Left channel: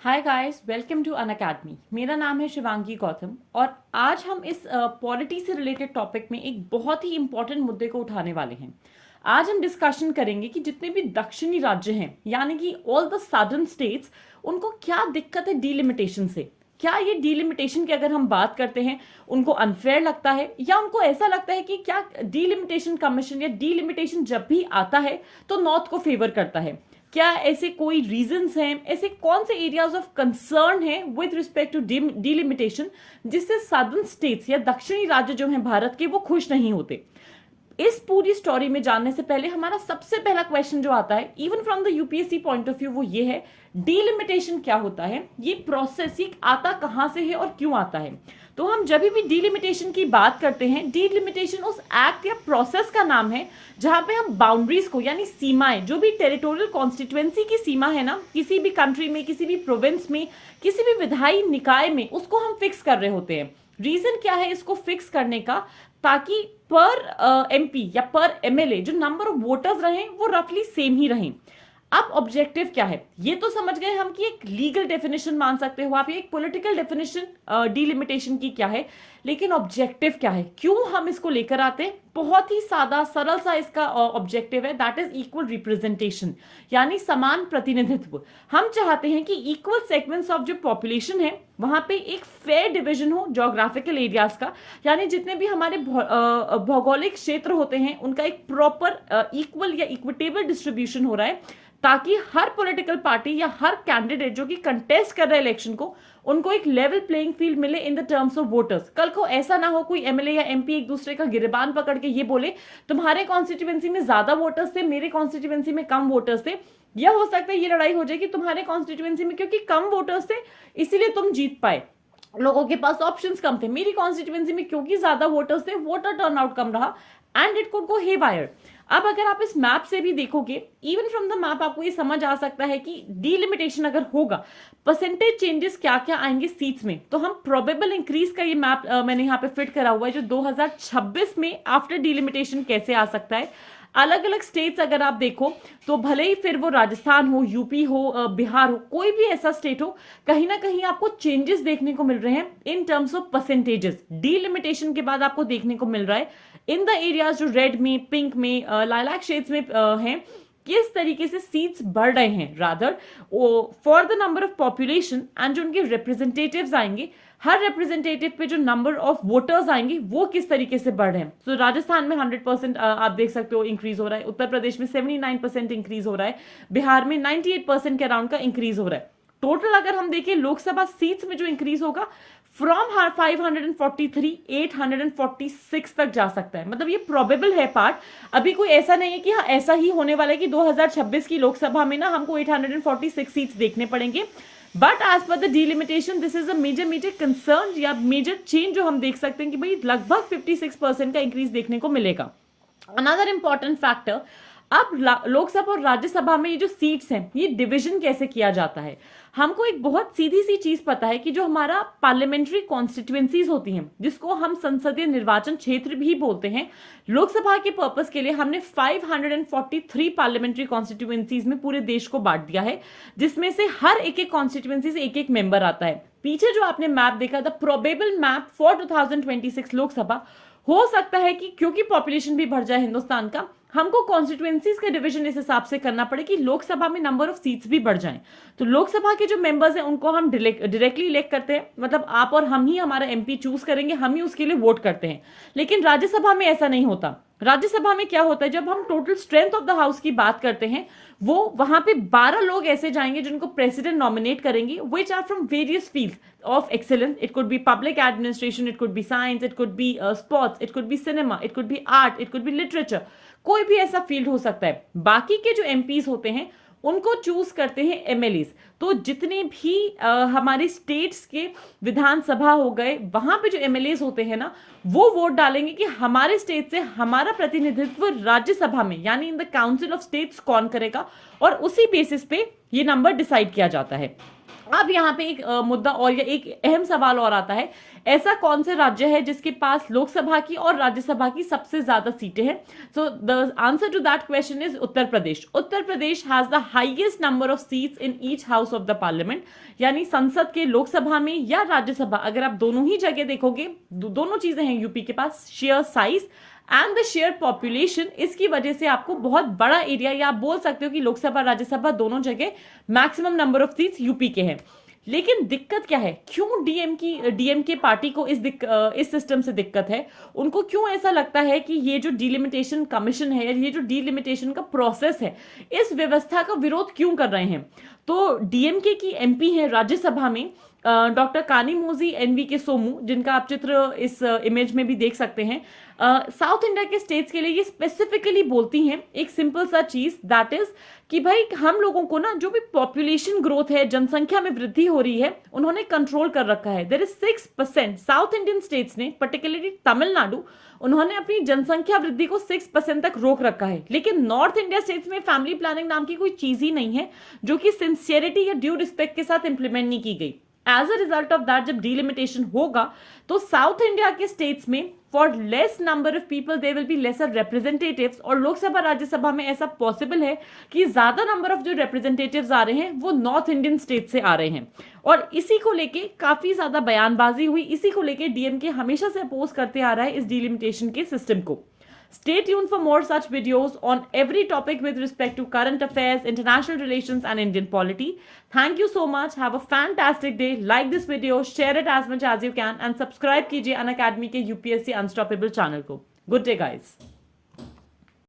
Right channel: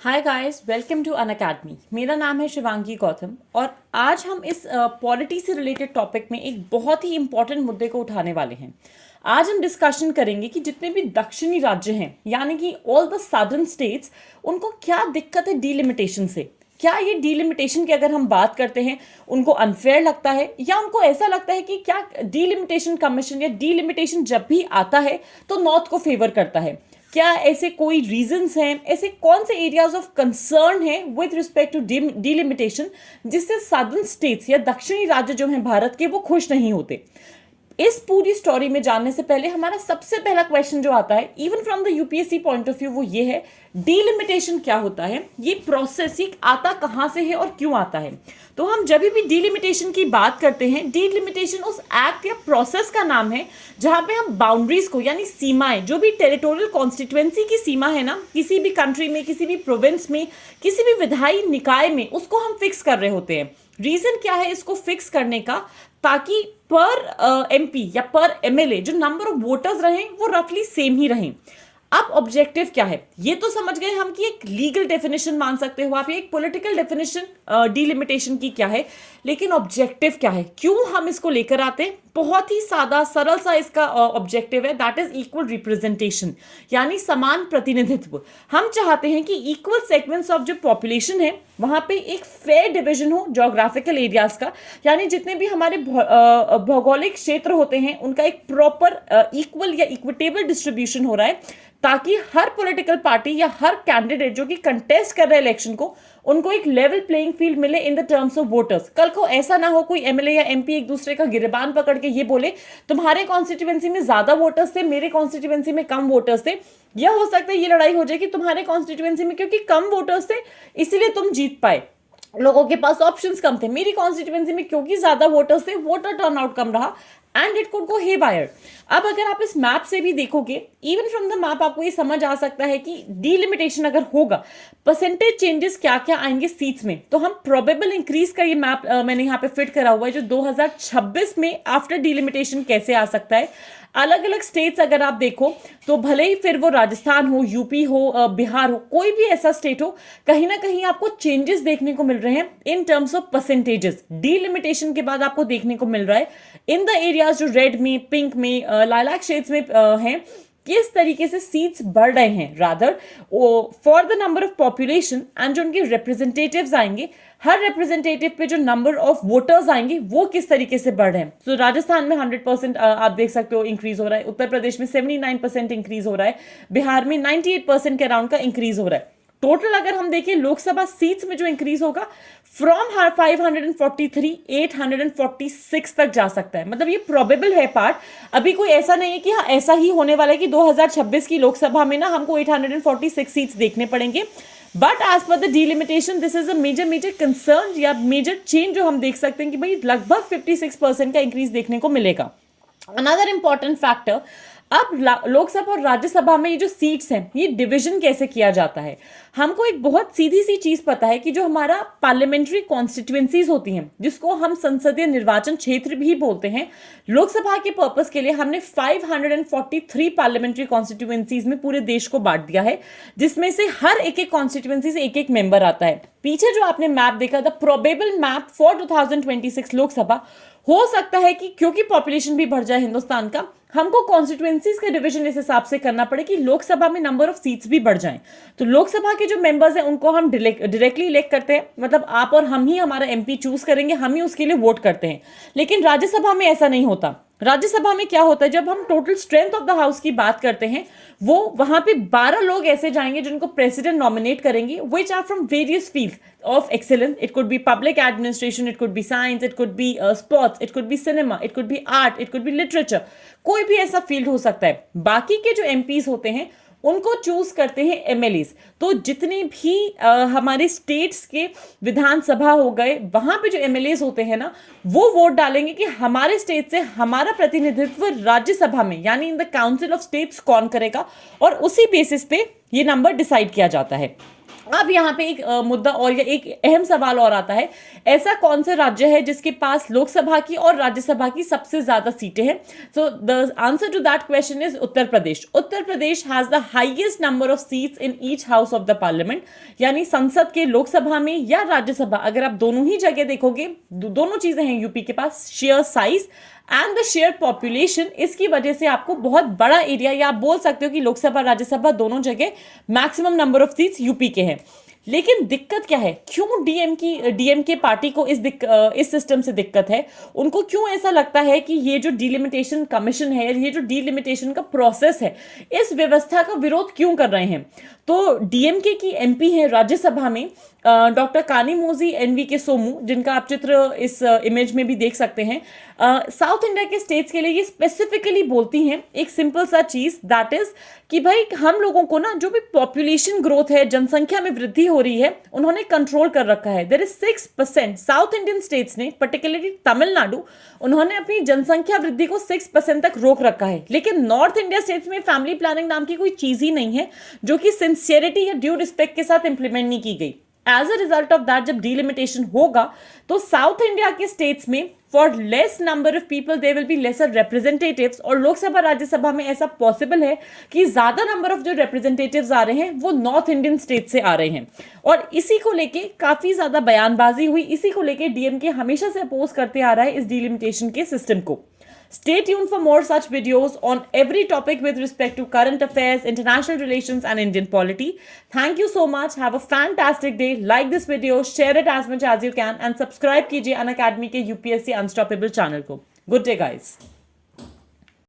Hi guys, welcome to Unacademy. मेरा नाम है शिवांगी गौतम और आज हम इस पॉलिटी से रिलेटेड टॉपिक में एक बहुत ही इंपॉर्टेंट मुद्दे को उठाने वाले हैं। आज हम डिस्कशन करेंगे कि जितने भी दक्षिणी राज्य हैं, यानी कि ऑल द सदर्न स्टेट्स, उनको क्या दिक्कत है डीलिमिटेशन से। क्या ये डीलिमिटेशन की अगर हम बात करते हैं उनको अनफेयर लगता है, या उनको ऐसा लगता है कि क्या डीलिमिटेशन कमीशन या डीलिमिटेशन जब भी आता है तो नॉर्थ को फेवर करता है। क्या ऐसे कोई रीजंस हैं, ऐसे कौन से एरियाज ऑफ कंसर्न हैं विद रिस्पेक्ट टू डीलिमिटेशन जिससे सदर्न स्टेट्स या दक्षिणी राज्य जो हैं भारत के वो खुश नहीं होते। इस पूरी स्टोरी में जानने से पहले हमारा सबसे पहला क्वेश्चन जो आता है even from the UPSC point of view वो ये है, डीलिमिटेशन क्या होता है, ये प्रोसेस ये आता कहां से है और क्यों आता है। तो हम जब भी डीलिमिटेशन की बात करते हैं, डीलिमिटेशन उस एक्ट या प्रोसेस का नाम है जहां पे हम बाउंड्रीज को यानी सीमाएं, जो भी टेरिटोरियल कॉन्स्टिट्यूएंसी की सीमा है ना, किसी भी कंट्री में, किसी भी प्रोविंस में, किसी भी विधायी निकाय में, उसको हम फिक्स कर रहे होते हैं। रीजन क्या है इसको फिक्स करने का, ताकि पर एमपी या पर एमएलए जो नंबर ऑफ वोटर्स रहे वो रफली सेम ही रहें। अब ऑब्जेक्टिव क्या है ये तो समझ गए हम कि एक लीगल डेफिनेशन मान सकते हो आप, एक पॉलिटिकल डेफिनेशन डीलिमिटेशन की क्या है, लेकिन ऑब्जेक्टिव क्या है, क्यों हम इसको लेकर आते हैं। बहुत ही सादा सरल सा इसका ऑब्जेक्टिव है, दैट इज इक्वल रिप्रेजेंटेशन, यानी समान प्रतिनिधित्व। हम चाहते हैं कि इक्वल सेगमेंट्स ऑफ जो पॉपुलेशन है वहां पे एक फेयर डिवीजन हो जोग्राफिकल एरियाज का, यानी जितने भी हमारे भौगोलिक क्षेत्र होते हैं उनका एक प्रॉपर इक्वल या इक्विटेबल डिस्ट्रीब्यूशन हो रहा है, ताकि हर पॉलिटिकल पार्टी या हर कैंडिडेट जो कि कंटेस्ट कर रहे हैं इलेक्शन को, उनको एक लेवल प्लेइंग फील्ड मिले in the terms of voters. कल को ऐसा ना हो कोई एमएलए या एमपी एक दूसरे का गिरबान पकड़ के ये बोले तुम्हारे कॉन्स्टिट्यूएंसी में ज्यादा वोटर्स थे, मेरे कॉन्स्टिट्यूएंसी में कम वोटर्स थे। यह हो सकता है ये लड़ाई हो जाए कि तुम्हारे कॉन्स्टिट्यूएंसी में क्योंकि कम वोटर्स थे इसीलिए तुम जीत पाए, लोगों के पास ऑप्शंस कम थे। मेरी कॉन्स्टिट्यूएंसी में क्योंकि ज्यादा वोटर्स थे, वोटर टर्नआउट कम रहा and it could go haywire. अब अगर आप इस मैप से भी देखोगे, इवन फ्रॉम द मैप आपको ये समझ आ सकता है कि डीलिमिटेशन अगर होगा, परसेंटेज चेंजेस क्या क्या आएंगे सीट्स में। तो हम प्रोबेबल इंक्रीज का ये मैप मैंने यहाँ पे फिट करा हुआ है, जो 2026 में आफ्टर डीलिमिटेशन कैसे आ सकता है। अलग अलग स्टेट्स अगर आप देखो तो भले ही फिर वो राजस्थान हो, यूपी हो, बिहार हो, कोई भी ऐसा स्टेट हो, कहीं ना कहीं आपको चेंजेस देखने को मिल रहे हैं in terms of percentages. Delimitation के बाद आपको देखने को मिल रहा है इन द एरियाज जो रेड में, पिंक में, लाइलैक शेड्स में हैं, किस तरीके से सीट्स बढ़ रहे हैं rather for the number of population, and जो उनके रिप्रेजेंटेटिव्स आएंगे, हर रिप्रेजेंटेटिव पे जो नंबर ऑफ वोटर्स आएंगे वो किस तरीके से बढ़ रहे हैं। तो राजस्थान में 100% आप देख सकते हो इंक्रीज हो रहा है, उत्तर प्रदेश में 79% इंक्रीज हो रहा है, बिहार में 98% के अराउंड का इंक्रीज हो रहा है। टोटल अगर हम देखें लोकसभा सीट्स में जो इंक्रीज होगा फ्रॉम 543 846 तक जा सकता है। मतलब ये प्रोबेबल है पार्ट, अभी कोई ऐसा नहीं है कि हाँ ऐसा ही होने वाला है कि 2026 की लोकसभा में ना हमको 846 सीट्स देखने पड़ेंगे। But as per the delimitation this is a major concern या मेजर चेंज जो हम देख सकते हैं कि भाई लगभग 56% का इंक्रीज देखने को मिलेगा। अनदर इंपॉर्टेंट फैक्टर, अब लोकसभा और राज्यसभा में ये जो सीट्स हैं ये डिवीजन कैसे किया जाता है। हमको एक बहुत सीधी सी चीज पता है कि जो हमारा पार्लियामेंट्री कॉन्स्टिट्यूएंसीज होती हैं, जिसको हम संसदीय निर्वाचन क्षेत्र भी बोलते हैं, लोकसभा के पर्पस के लिए हमने 543 पार्लियामेंट्री कॉन्स्टिट्यूएंसीज में पूरे देश को बांट दिया है, जिसमें से हर एक एक कॉन्स्टिट्यूएंसी से एक एक मेंबर आता है। पीछे जो आपने मैप देखा the probable map for 2026 Lok Sabha, हो सकता है कि क्योंकि पॉपुलेशन भी बढ़ जाए हिंदुस्तान का, हमको कॉन्स्टिट्यूएंसीज का डिवीजन इस हिसाब से करना पड़े कि लोकसभा में नंबर ऑफ सीट्स भी बढ़ जाएं। तो लोकसभा के जो मेंबर्स हैं उनको हम डायरेक्टली इलेक्ट करते हैं, मतलब आप और हम ही हमारा एमपी चूज करेंगे, हम ही उसके लिए वोट करते हैं। लेकिन राज्यसभा में ऐसा नहीं होता। राज्यसभा में क्या होता है, जब हम total strength of the house की बात करते हैं, वो वहां पे 12 लोग ऐसे जाएंगे जिनको प्रेसिडेंट नॉमिनेट करेंगे, which are from various fields of excellence. It could be public administration, it could be science, it could be sports, it could be cinema, it could be art, it could be literature. कोई भी ऐसा field हो सकता है। बाकी के जो MPs होते हैं उनको चूज करते हैं एमएलएस। तो जितने भी हमारे स्टेट्स के विधानसभा हो गए, वहां पे जो एमएलएस होते हैं ना, वो वोट डालेंगे कि हमारे स्टेट से हमारा प्रतिनिधित्व राज्यसभा में यानी in the council of states कौन करेगा, और उसी बेसिस पे ये नंबर डिसाइड किया जाता है। अब यहाँ पे एक मुद्दा और या एक अहम सवाल और आता है, ऐसा कौन सा राज्य है जिसके पास लोकसभा की और राज्यसभा की सबसे ज्यादा सीटें हैं? So the answer to that question is Uttar Pradesh. Uttar Pradesh has the highest number of seats in each house of the parliament, यानी संसद के लोकसभा में या राज्यसभा, अगर आप दोनों ही जगह देखोगे दोनों चीजें हैं यूपी के पास, share size and the share population. इसकी वजह से आपको बहुत बड़ा एरिया, या आप बोल सकते हो कि लोकसभा राज्यसभा दोनों जगह maximum number of seats UP के हैं। लेकिन दिक्कत क्या है, क्यों डीएमके पार्टी को इस सिस्टम से दिक्कत है? उनको क्यों ऐसा लगता है कि ये जो डिलिमिटेशन कमीशन है, ये जो डिलिमिटेशन का प्रोसेस है, इस व्यवस्था का विरोध क्यों कर रहे हैं? तो डीएमके की एमपी है राज्यसभा में डॉक्टर कानीमोझी एनवी के सोमू, जिनका आप चित्र इस इमेज में भी देख सकते हैं। साउथ इंडिया के स्टेट्स के लिए ये स्पेसिफिकली बोलती हैं एक सिंपल सा चीज, दैट इज कि भाई हम लोगों को ना जो भी पॉपुलेशन ग्रोथ है, जनसंख्या में वृद्धि हो रही है, उन्होंने कंट्रोल कर रखा है। There is 6%, south Indian states ने, पर्टिकुलरली तमिलनाडु, उन्होंने अपनी जनसंख्या वृद्धि को 6% तक रोक रखा है। लेकिन नॉर्थ इंडिया स्टेट्स में फैमिली प्लानिंग नाम की कोई चीज ही नहीं है, जो कि सिंसियरिटी या ड्यू रिस्पेक्ट के साथ इंप्लीमेंट नहीं की गई। As a result of that, जब डिलिमिटेशन होगा तो साउथ इंडिया के स्टेट्स में for less number of people there will be lesser representatives, और लोकसभा राज्यसभा में ऐसा पॉसिबल है कि ज्यादा नंबर ऑफ जो रिप्रेजेंटेटिव्स आ रहे हैं वो नॉर्थ इंडियन स्टेट से आ रहे हैं। और इसी को लेके काफी ज्यादा बयानबाजी हुई, इसी को लेके डीएमके हमेशा से अपोज करते आ रहा है इस डिलिमिटेशन के सिस्टम को। Stay tuned for more such videos on every topic with respect to current affairs, international relations and Indian polity. Thank you so much. Have a fantastic day. Like this video, share it as much as you can and subscribe कीजिए Unacademy के UPSC Unstoppable channel को। Good day guys.